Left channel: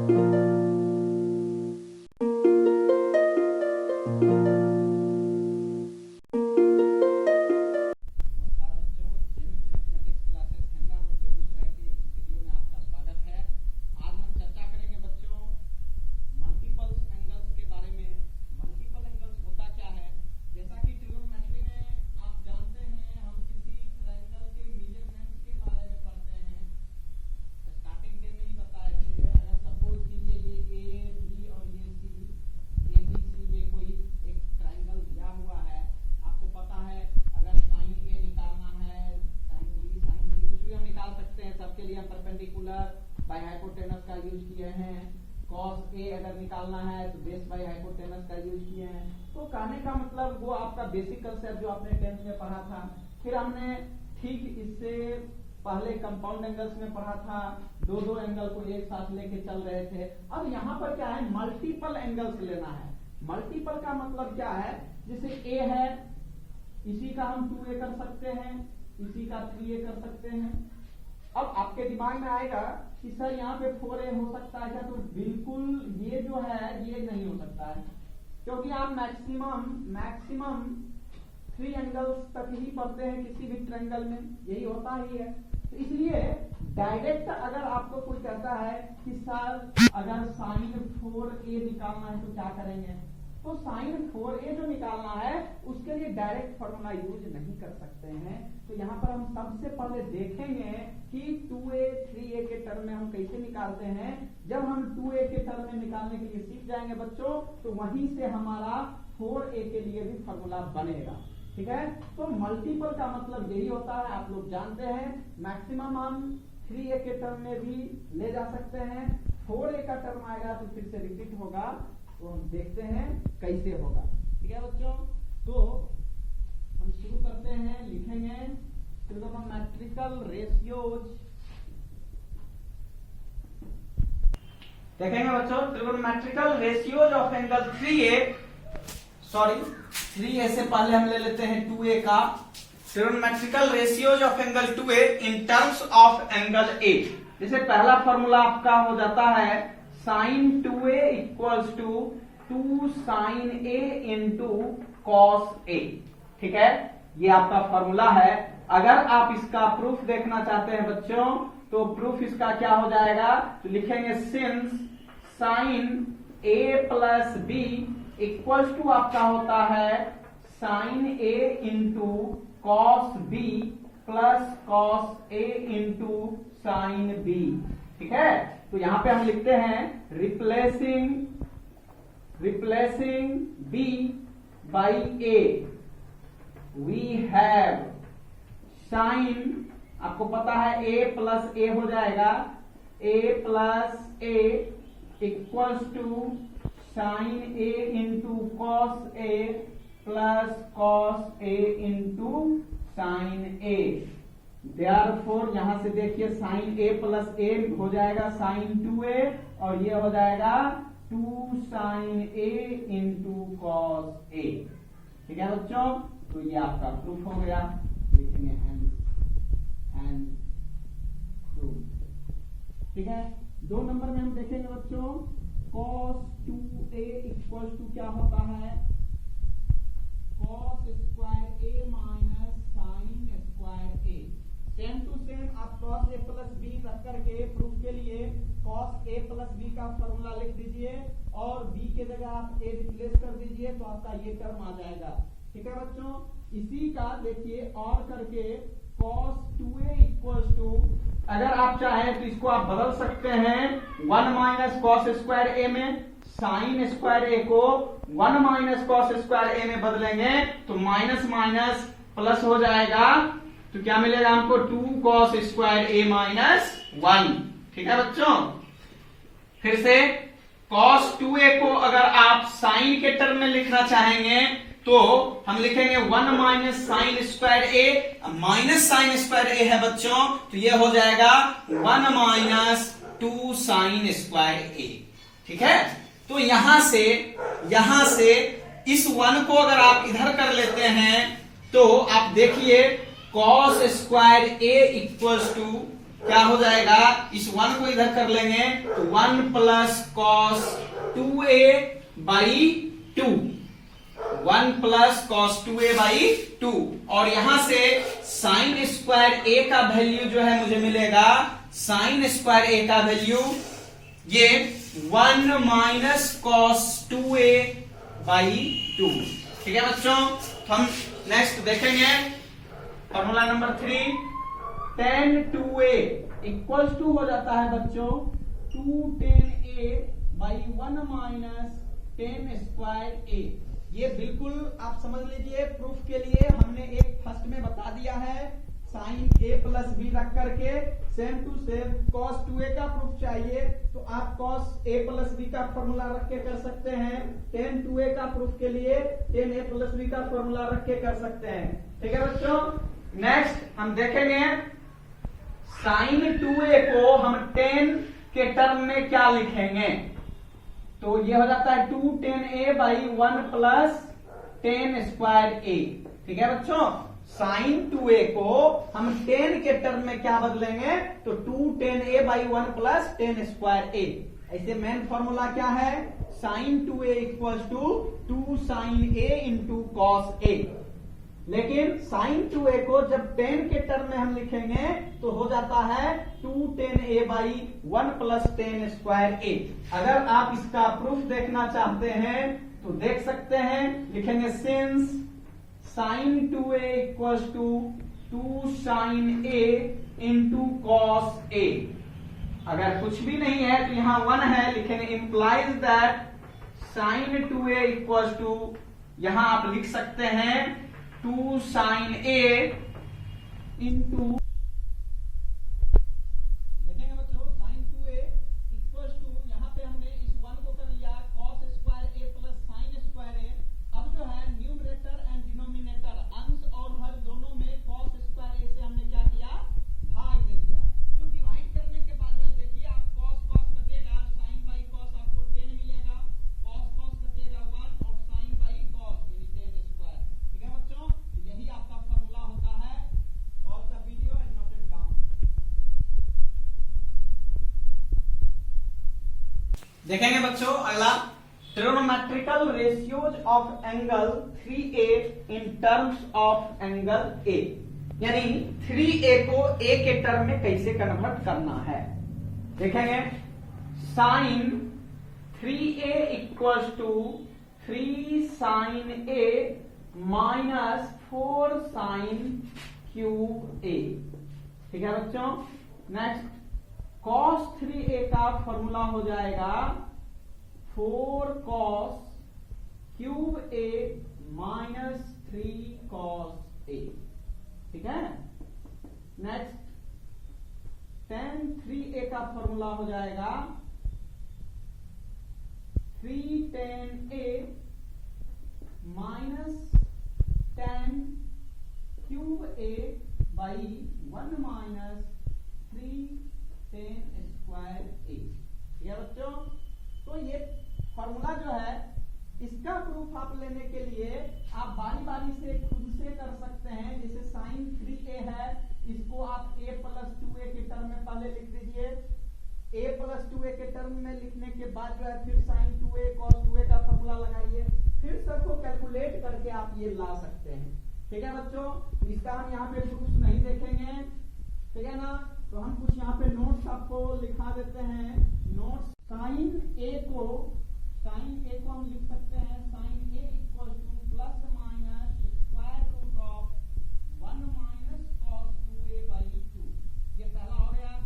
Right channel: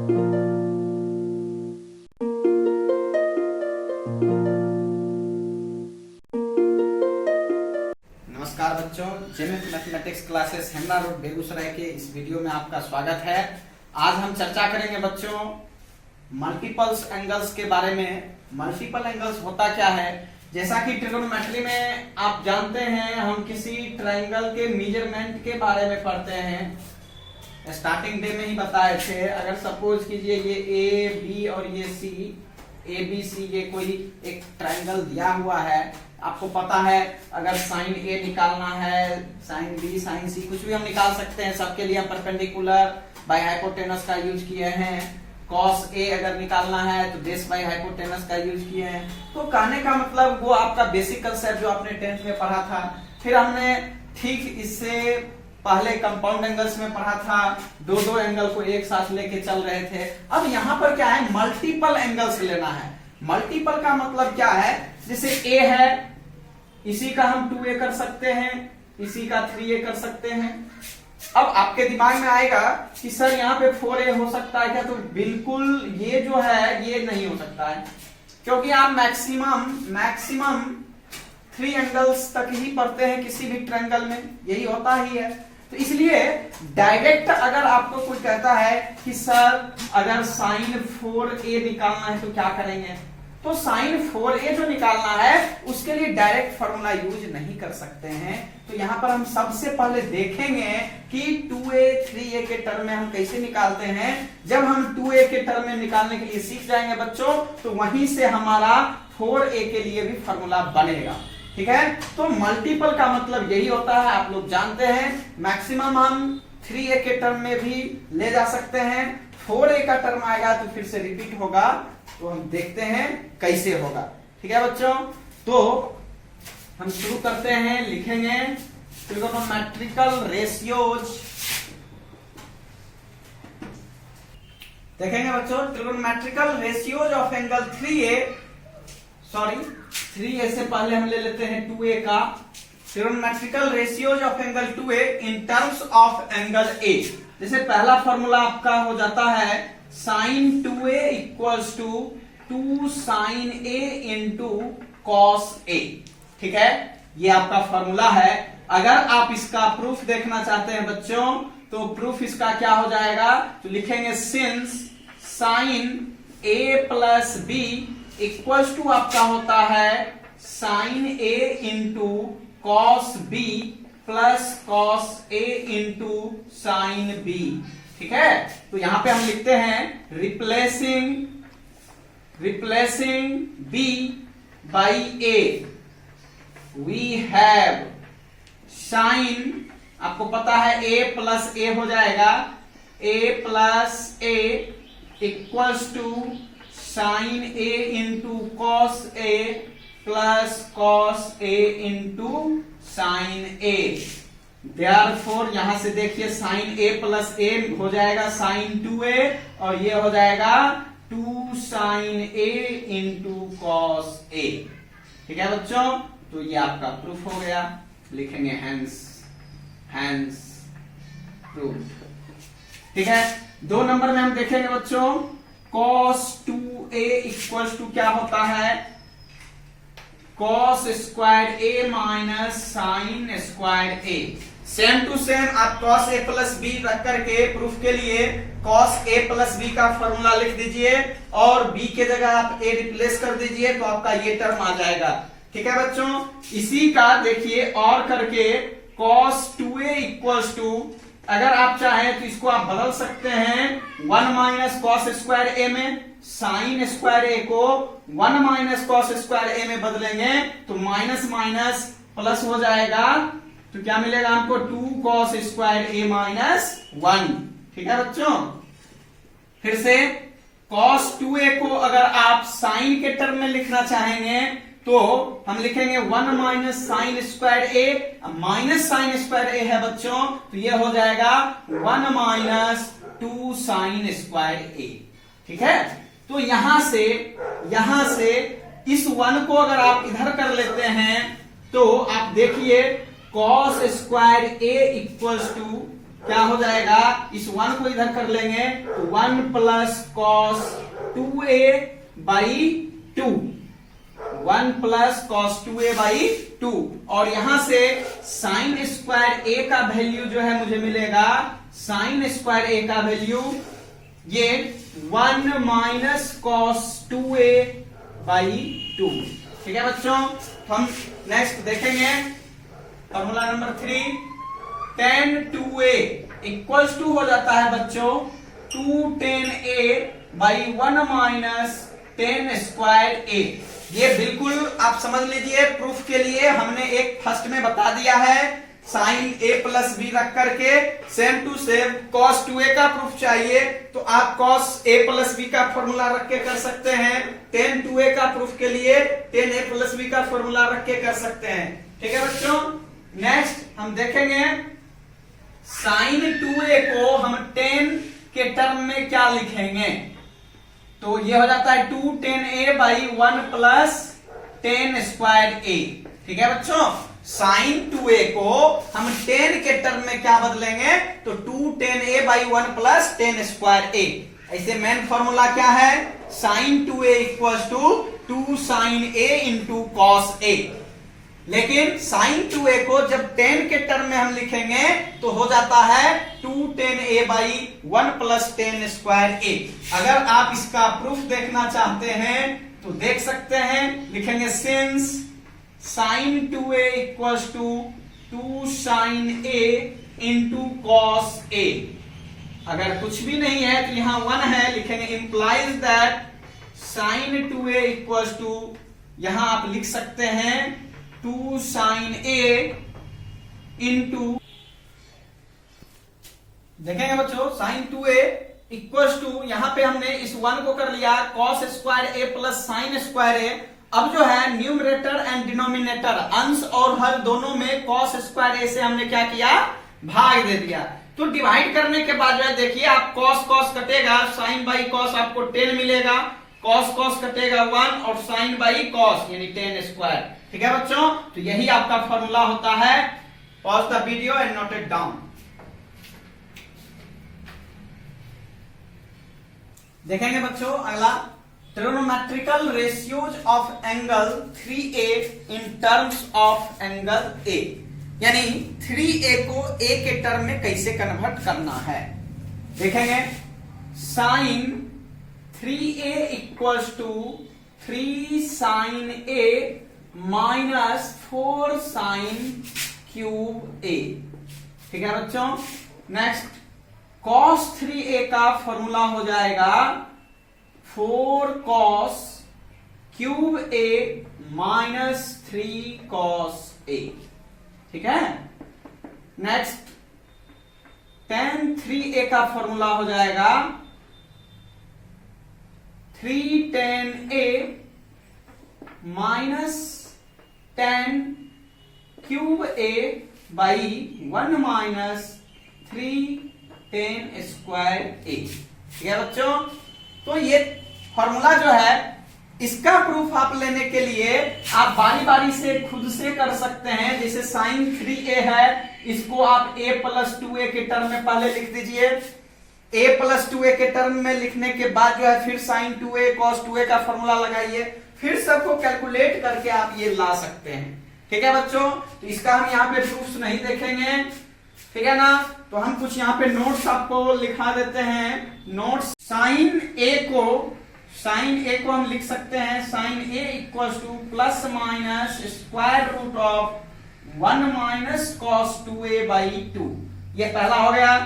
नमस्कार बच्चों, जेमित mathematics classes Hemla road Begusarai के इस वीडियो में आपका स्वागत है। आज हम चर्चा करेंगे बच्चों मल्टीपल्स एंगल्स के बारे में। मल्टीपल एंगल्स होता क्या है? जैसा कि ट्रिगोनोमेट्री में आप जानते हैं, हम किसी ट्रायंगल के मेजरमेंट के बारे में पढ़ते हैं। स्टार्टिंग डे में ही बताए थे। अगर सपोज कीजिए ये ए बी और ये सी, ए बी सी, ये कोई एक ट्रायंगल दिया हुआ है। आपको पता है अगर साइन ए निकालना है, साइन बी, साइन सी, कुछ भी हम निकाल सकते हैं। सबके लिए हम परपेंडिकुलर बाय हाइपोटेनस का यूज किए हैं। कॉस ए अगर निकालना है तो बेस बाय हाइपोटेनस का यूज किए हैं। तो कहने का मतलब वो आपका बेसिक कंसेप्ट जो आपने 10th में पढ़ा था। फिर हमने ठीक इससे पहले कंपाउंड एंगल्स में पढ़ा था, दो एंगल को एक साथ लेके चल रहे थे। अब यहाँ पर क्या है, मल्टीपल एंगल्स लेना है। मल्टीपल का मतलब क्या है, जैसे ए है, इसी का हम 2a कर सकते हैं, इसी का 3a कर सकते हैं। अब आपके दिमाग में आएगा कि सर यहाँ पे 4a हो सकता है क्या? तो बिल्कुल ये जो है ये नहीं हो सकता है, क्योंकि आप मैक्सिमम 3 एंगल्स तक ही पढ़ते हैं किसी भी ट्रायंगल में, यही होता ही है। तो इसलिए डायरेक्ट अगर आपको कोई कहता है कि सर अगर साइन 4a निकालना है तो क्या करेंगे, तो साइन 4a जो निकालना है उसके लिए डायरेक्ट फॉर्मूला यूज नहीं कर सकते हैं। तो यहाँ पर हम सबसे पहले देखेंगे कि 2a 3a के टर्म में हम कैसे निकालते हैं। जब हम 2a के टर्म में निकालने के लिए सीख जाएंगे बच्चों, तो वहीं से हमारा 4a के लिए भी फॉर्मूला बनेगा। ठीक है, तो मल्टीपल का मतलब यही होता है, आप लोग जानते हैं। मैक्सिमम हम 3a के टर्म में भी ले जा सकते हैं। 4a का टर्म आएगा तो फिर से रिपीट होगा, तो हम देखते हैं कैसे होगा। ठीक है बच्चों, तो हम शुरू करते हैं। लिखेंगे ट्रिगोनोमेट्रिकल रेशियोज। देखेंगे बच्चों, trigonometrical ratios of angle 3a से पहले हम ले लेते हैं 2a का। Trigonometrical ratios of angle 2a in terms of angle a। जैसे पहला फॉर्मूला आपका हो जाता है sine 2a equals to 2 sine a into cos a। ठीक है, ये आपका फॉर्मूला है। अगर आप इसका प्रूफ देखना चाहते हैं बच्चों, तो प्रूफ इसका क्या हो जाएगा, तो लिखेंगे since sine a plus b equals to आपका होता है sine a into cos b plus cos a into sine b। ठीक है, तो यहां पे हम लिखते हैं replacing b by a we have sin, आपको पता है a प्लस a हो जाएगा, a plus a equals to sine a into cos a plus cos a into sine a। Therefore यहां से देखिए साइन a प्लस a हो जाएगा साइन 2a, और ये हो जाएगा 2 sine a into cos a। ठीक है बच्चों, तो ये आपका प्रूफ हो गया। लिखेंगे हैंस प्रूफ। ठीक है, 2 नंबर में हम देखेंगे बच्चों cos 2a इक्वल्स टू क्या होता है, cos square a minus sine square a। Same to same आप cos a प्लस b रख करके प्रूफ के लिए cos a प्लस b का फॉर्मूला लिख दीजिए, और b के जगह आप a रिप्लेस कर दीजिए, तो आपका ये टर्म आ जाएगा। ठीक है बच्चों, इसी का देखिए और करके cos 2a इक्वल्स टू, अगर आप चाहें तो इसको आप बदल सकते हैं 1 माइनस कॉस स्क्वायर a में, साइन स्क्वायर a को 1 माइनस कॉस स्क्वायर a में बदलेंगे तो माइनस माइनस प्लस हो जाएगा, तो क्या मिलेगा हमको 2 कॉस स्क्वायर a माइनस 1। ठीक है बच्चों, फिर से cos 2a को अगर आप साइन के टर्म में लिखना चाहेंगे तो हम लिखेंगे 1 minus sine square a, minus sine square a है बच्चों, तो ये हो जाएगा 1 माइनस 2 साइन स्क्वायर a। ठीक है, तो यहां से इस 1 को अगर आप इधर कर लेते हैं तो आप देखिए cos square a equals to क्या हो जाएगा, इस 1 को इधर कर लेंगे तो 1 प्लस कॉस 2a बाई 2, 1 प्लस कॉस 2a बाई 2, और यहां से साइन स्क्वायर a का वैल्यू जो है मुझे मिलेगा, साइन स्क्वायर a का वैल्यू ये 1 माइनस कॉस 2a बाई 2। ठीक है बच्चों, तो हम नेक्स्ट देखेंगे formula number 3, tan 2a equals to हो जाता है बच्चों 2 tan a by 1 minus tan square a। ये बिल्कुल आप समझ लीजिए, प्रूफ के लिए हमने एक फर्स्ट में बता दिया है, साइन a प्लस बी रख करके same to same cos 2a का प्रूफ चाहिए तो आप cos a प्लस बी का फॉर्मूला रख के कर सकते हैं, tan 2a का प्रूफ के लिए tan a प्लस बी का फॉर्मूला रख के कर सकते हैं। ठीक है बच्चों, नेक्स्ट हम देखेंगे साइन 2a को हम tan के टर्म में क्या लिखेंगे, तो ये हो जाता है 2 tan a by 1 plus tan square a। ठीक है बच्चों, साइन 2a को हम tan के टर्म में क्या बदलेंगे, तो 2 tan a by 1 plus tan square a। ऐसे मेन फॉर्मूला क्या है, sine 2a equals to 2 sine a into cos a। लेकिन साइन 2a को जब tan के टर्म में हम लिखेंगे तो हो जाता है 2 tan a by 1 plus tan square a। अगर आप इसका प्रूफ देखना चाहते हैं तो देख सकते हैं, लिखेंगे since sine 2a equals to 2 sine a into cos a। अगर कुछ भी नहीं है तो यहां 1 है, लिखेंगे implies that sine 2a equals to, यहां आप लिख सकते हैं 2 साइन a इंटू, देखेंगे बच्चों साइन 2a इक्वल्स टू, यहां पे हमने इस 1 को कर लिया cos square a plus sign square a। अब जो है न्यूमरेटर एंड डिनोमिनेटर, अंश और हर दोनों में cos स्क्वायर a से हमने क्या किया, भाग दे दिया। तो डिवाइड करने के बाद जो है देखिए आप cos cos कटेगा, sin बाई cos आपको 10 मिलेगा, cos cos कटेगा 1 और sin बाई cos यानी tan स्क्वायर। ठीक है बच्चों, तो यही आपका फॉर्मूला होता है। Pause the video and note it down. देखेंगे बच्चों अगला, trigonometrical ratios of angle 3a in terms of angle a, यानी 3a को a के टर्म में कैसे कन्वर्ट करना है। देखेंगे sine 3a equals to 3 sine a minus 4 sine cube a। ठीक है बच्चों, नेक्स्ट cos 3a का फॉर्मूला हो जाएगा 4 cos cube a minus 3 cos a। ठीक है, नेक्स्ट tan 3a का फॉर्मूला हो जाएगा 3 tan a minus tan cube a by 1 minus 3 tan square a। ठीक है बच्चों, तो ये फॉर्मूला जो है इसका प्रूफ आप लेने के लिए आप बारी बारी से खुद से कर सकते हैं। जैसे साइन 3a है, इसको आप a प्लस 2a के टर्म में पहले लिख दीजिए, a प्लस 2a के टर्म में लिखने के बाद जो है फिर साइन 2a cos 2a का फॉर्मूला लगाइए, फिर सबको कैलकुलेट करके आप ये ला सकते हैं। ठीक है बच्चों, तो इसका हम यहाँ पे प्रूफ नहीं देखेंगे, ठीक है ना। तो हम कुछ यहाँ पे नोट्स आपको लिखा देते हैं। नोट्स, साइन a को हम लिख सकते हैं sine a equals to plus minus square root of 1 minus cos 2a बाई 2। ये पहला हो गया।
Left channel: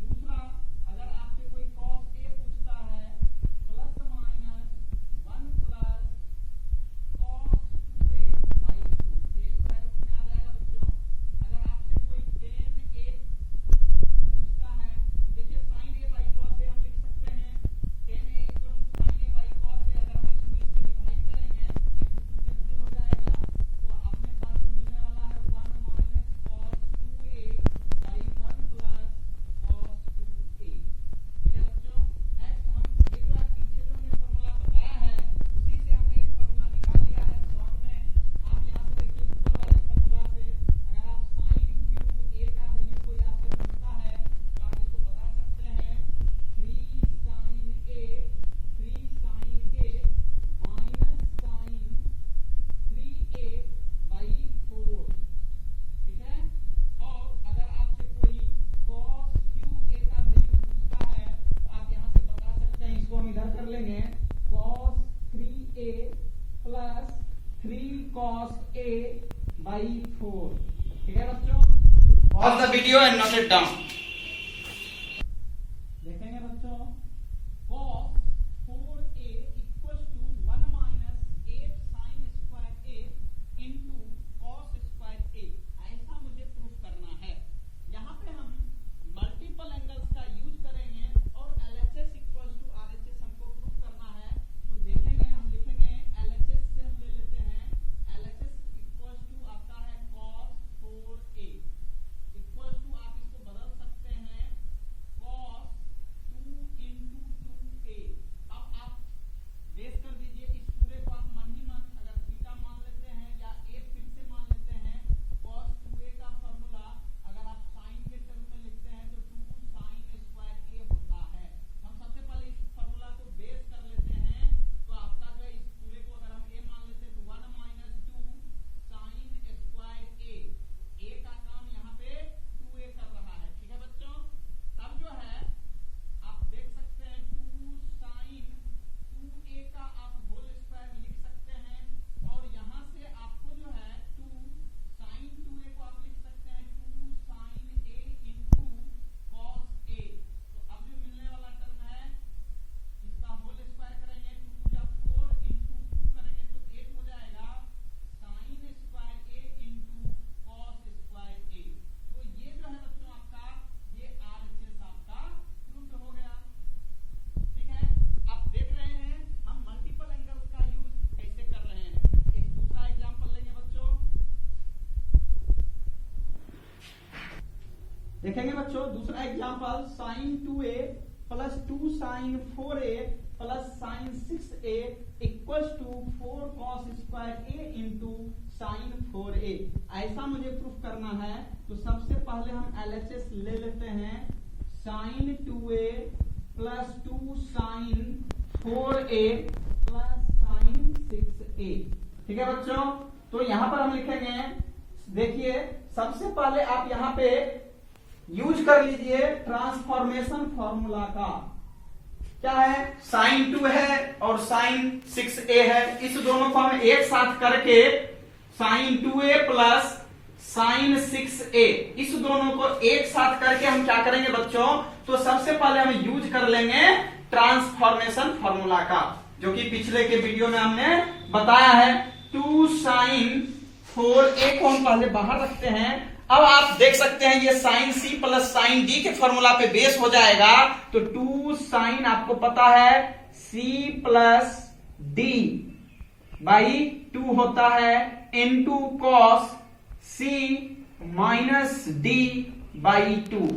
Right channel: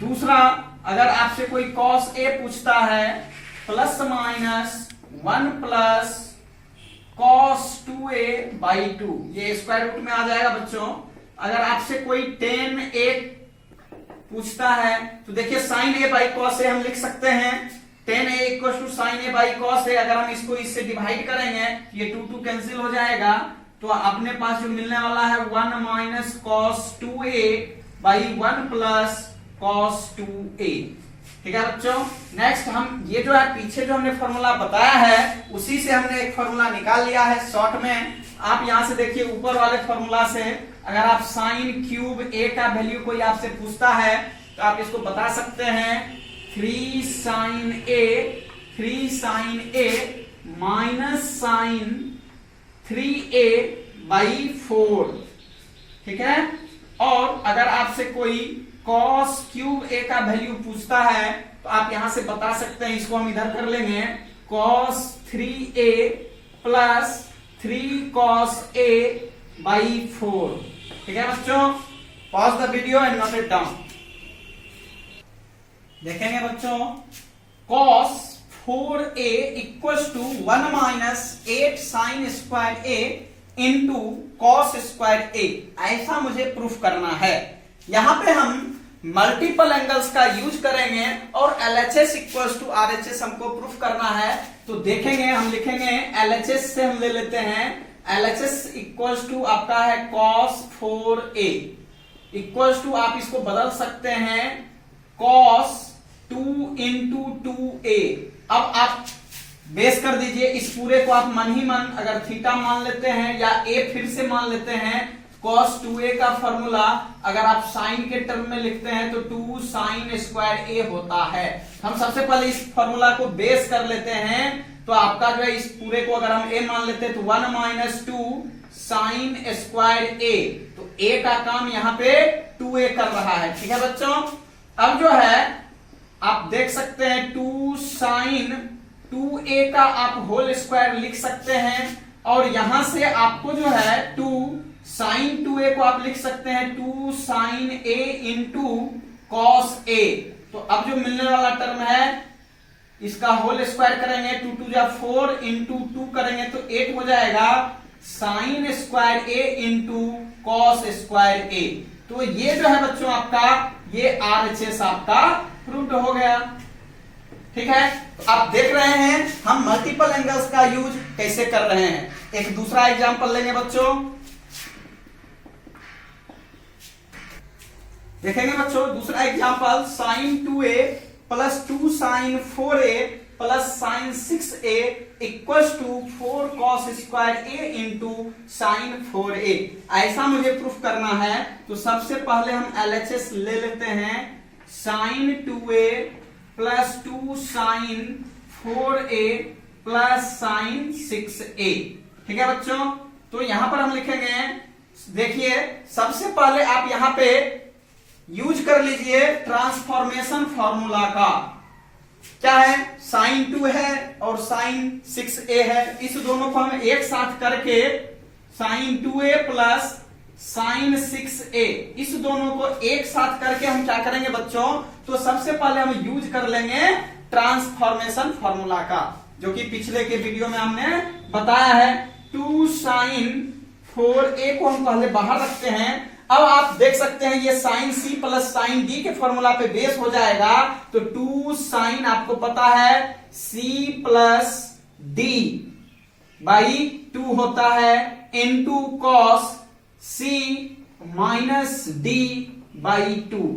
दूसरा, अगर आपसे कोई cos a पूछता है plus minus 1 plus cos 2a बाई 2, ये स्क्वायर रूट में आ जाएगा बच्चों। अगर आपसे कोई tan a पूछता है तो देखिए sine a by cos a हम लिख सकते हैं, tan a equal to sine a by cos a। अगर हम इसको इससे डिवाइड करेंगे ये 2 कैंसिल हो जाएगा, तो अपने पास जो मिलने वाला है 1 minus cos 2a by 1 plus cos 2a। ठीक है बच्चों, नेक्स्ट हम ये जो है पीछे जो हमने फॉर्मूला बताया है उसी से हमने एक फॉर्मूला निकाल लिया है शॉर्ट में। आप यहां से देखिए ऊपर वाले फॉर्मूला से अगर आप साइन क्यूब ए का वैल्यू कोई आपसे पूछता है तो आप इसको बता सकते हैं 3 sine A minus sine 3a by 4, ठीक है। और अगर आपसे कोई cos क्यूब a का वैल्यू पूछता है तो आप यहां से बता सकते हैं, इसको हम इधर कर लेंगे, cos 3a plus 3 cos a by 4, ठीक है बच्चों। Pause the video and note it down. देखेंगे बच्चों, cos 4a equals to 1 minus 8 sine square a into cos square a, ऐसा मुझे प्रूफ करना है। यहां पे हम मल्टीपल एंगल्स का यूज करेंगे और LHS इक्वल्स टू RHS हमको प्रूफ करना है। तो देखेंगे, हम लिखेंगे LHS से हम ले लेते हैं, LHS इक्वल्स टू आपका है cos 4a इक्वल्स टू, आप इसको बदल सकते हैं cos 2 इंटू 2a। अब आप बेस कर दीजिए, इस पूरे को आप मन ही मन अगर थीटा मान लेते हैं या a फिर से मान लेते हैं, cos 2a का फॉर्मूला अगर आप साइन के टर्म में लिखते हैं तो 2 साइन स्क्वायर a होता है। हम सबसे पहले इस फॉर्मूला को बेस कर लेते हैं, तो आपका जो है इस पूरे को अगर हम a मान लेते हैं तो 1 माइनस 2 साइन स्क्वायर a, तो a का काम यहाँ पे 2a कर रहा है, ठीक है बच्चों। अब जो है आप देख सकते हैं 2 साइन 2a का आप होल स्क्वायर लिख सकते हैं, और यहां से आपको जो है 2 साइन 2a को आप लिख सकते हैं 2 sine a into cos a। तो अब जो मिलने वाला टर्म है इसका होल स्क्वायर करेंगे, 2 2 जा 4 इंटू 2 करेंगे तो 8 हो जाएगा sign square a into cos square a। तो ये जो है बच्चों आपका ये RHS आपका प्रूव्ड हो गया, ठीक है। तो आप देख रहे हैं हम मल्टीपल एंगल्स का यूज कैसे कर रहे हैं। एक दूसरा एग्जांपल लेंगे बच्चों, देखेंगे बच्चों दूसरा example, sine 2a plus 2 sine 4a plus sine 6a equals to 4 cos square a into sine 4a, ऐसा मुझे प्रूफ करना है। तो सबसे पहले हम LHS ले लेते हैं, sine 2a plus 2 sine 4a plus sine 6a, ठीक है बच्चों। तो यहां पर हम लिखेंगे, देखिए सबसे पहले आप यहां पे यूज कर लीजिए ट्रांसफॉर्मेशन फॉर्मूला का, क्या है, साइन 2 है और साइन 6a है, इस दोनों को हम एक साथ करके sign 2a plus sine 6a, इस दोनों को एक साथ करके हम क्या करेंगे बच्चों, तो सबसे पहले हम यूज कर लेंगे ट्रांसफॉर्मेशन फॉर्मूला का, जो कि पिछले के वीडियो में हमने बताया है। 2 साइन 4a को हम पहले बाहर रखते हैं। अब आप देख सकते हैं ये sine c plus sine d के फॉर्मूला पे बेस हो जाएगा, तो 2 साइन आपको पता है c प्लस d बाई 2 होता है into cos c minus d by 2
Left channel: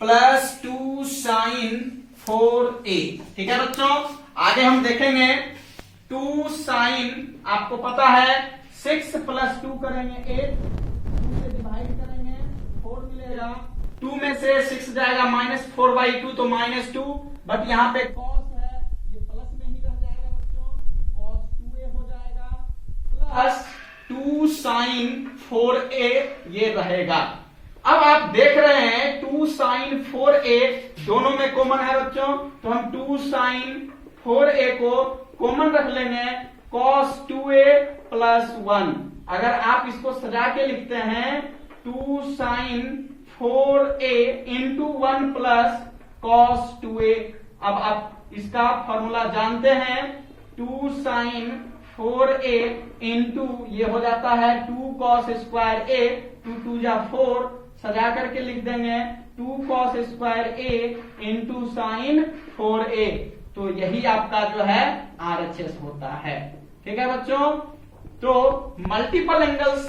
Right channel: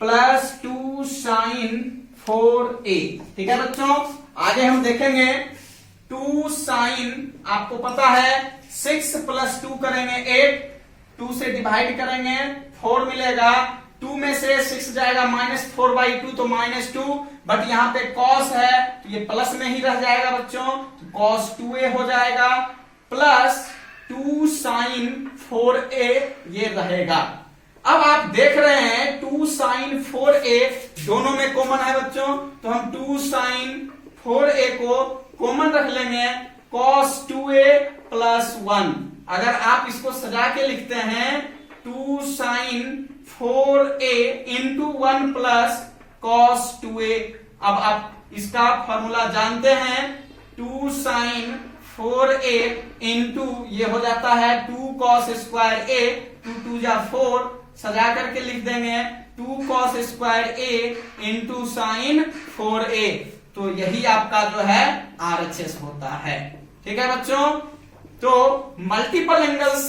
plus 2 sine 4a, ठीक है बच्चों। आगे हम देखेंगे 2 साइन आपको पता है 6 प्लस 2 करेंगे 8, 2 से डिवाइड करेंगे 4 मिलेगा, 2 में से 6 जाएगा -4 बाई 2 तो -2, बट यहाँ पे cos है तो ये प्लस में ही रह जाएगा बच्चों, cos 2a हो जाएगा प्लस 2 साइन 4a ये रहेगा। अब आप देख रहे हैं 2 साइन 4a दोनों में कॉमन है बच्चों, तो हम 2 साइन 4a को कॉमन रख लेंगे, cos 2a प्लस 1। अगर आप इसको सजा के लिखते हैं 2 sine 4a into 1 plus cos 2a। अब आप इसका फॉर्मूला जानते हैं, 2 साइन 4a इंटू ये हो जाता है 2 cos स्क्वायर a, 2 2 जा 4, सजा करके लिख देंगे 2 cos square a into sine 4a। तो यही आपका जो है RHS होता है, ठीक है बच्चों। तो मल्टीपल एंगल्स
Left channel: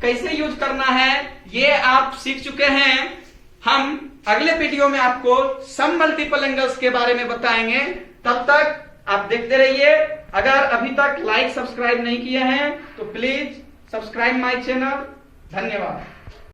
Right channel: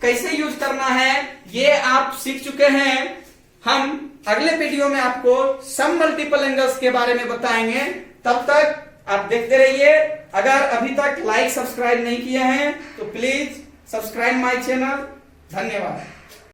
कैसे यूज करना है ये आप सीख चुके हैं। हम अगले वीडियो में आपको सम मल्टीपल एंगल्स के बारे में बताएंगे, तब तक आप देखते रहिए। अगर अभी तक लाइक सब्सक्राइब नहीं किए हैं तो प्लीज सब्सक्राइब माय चैनल। धन्यवाद।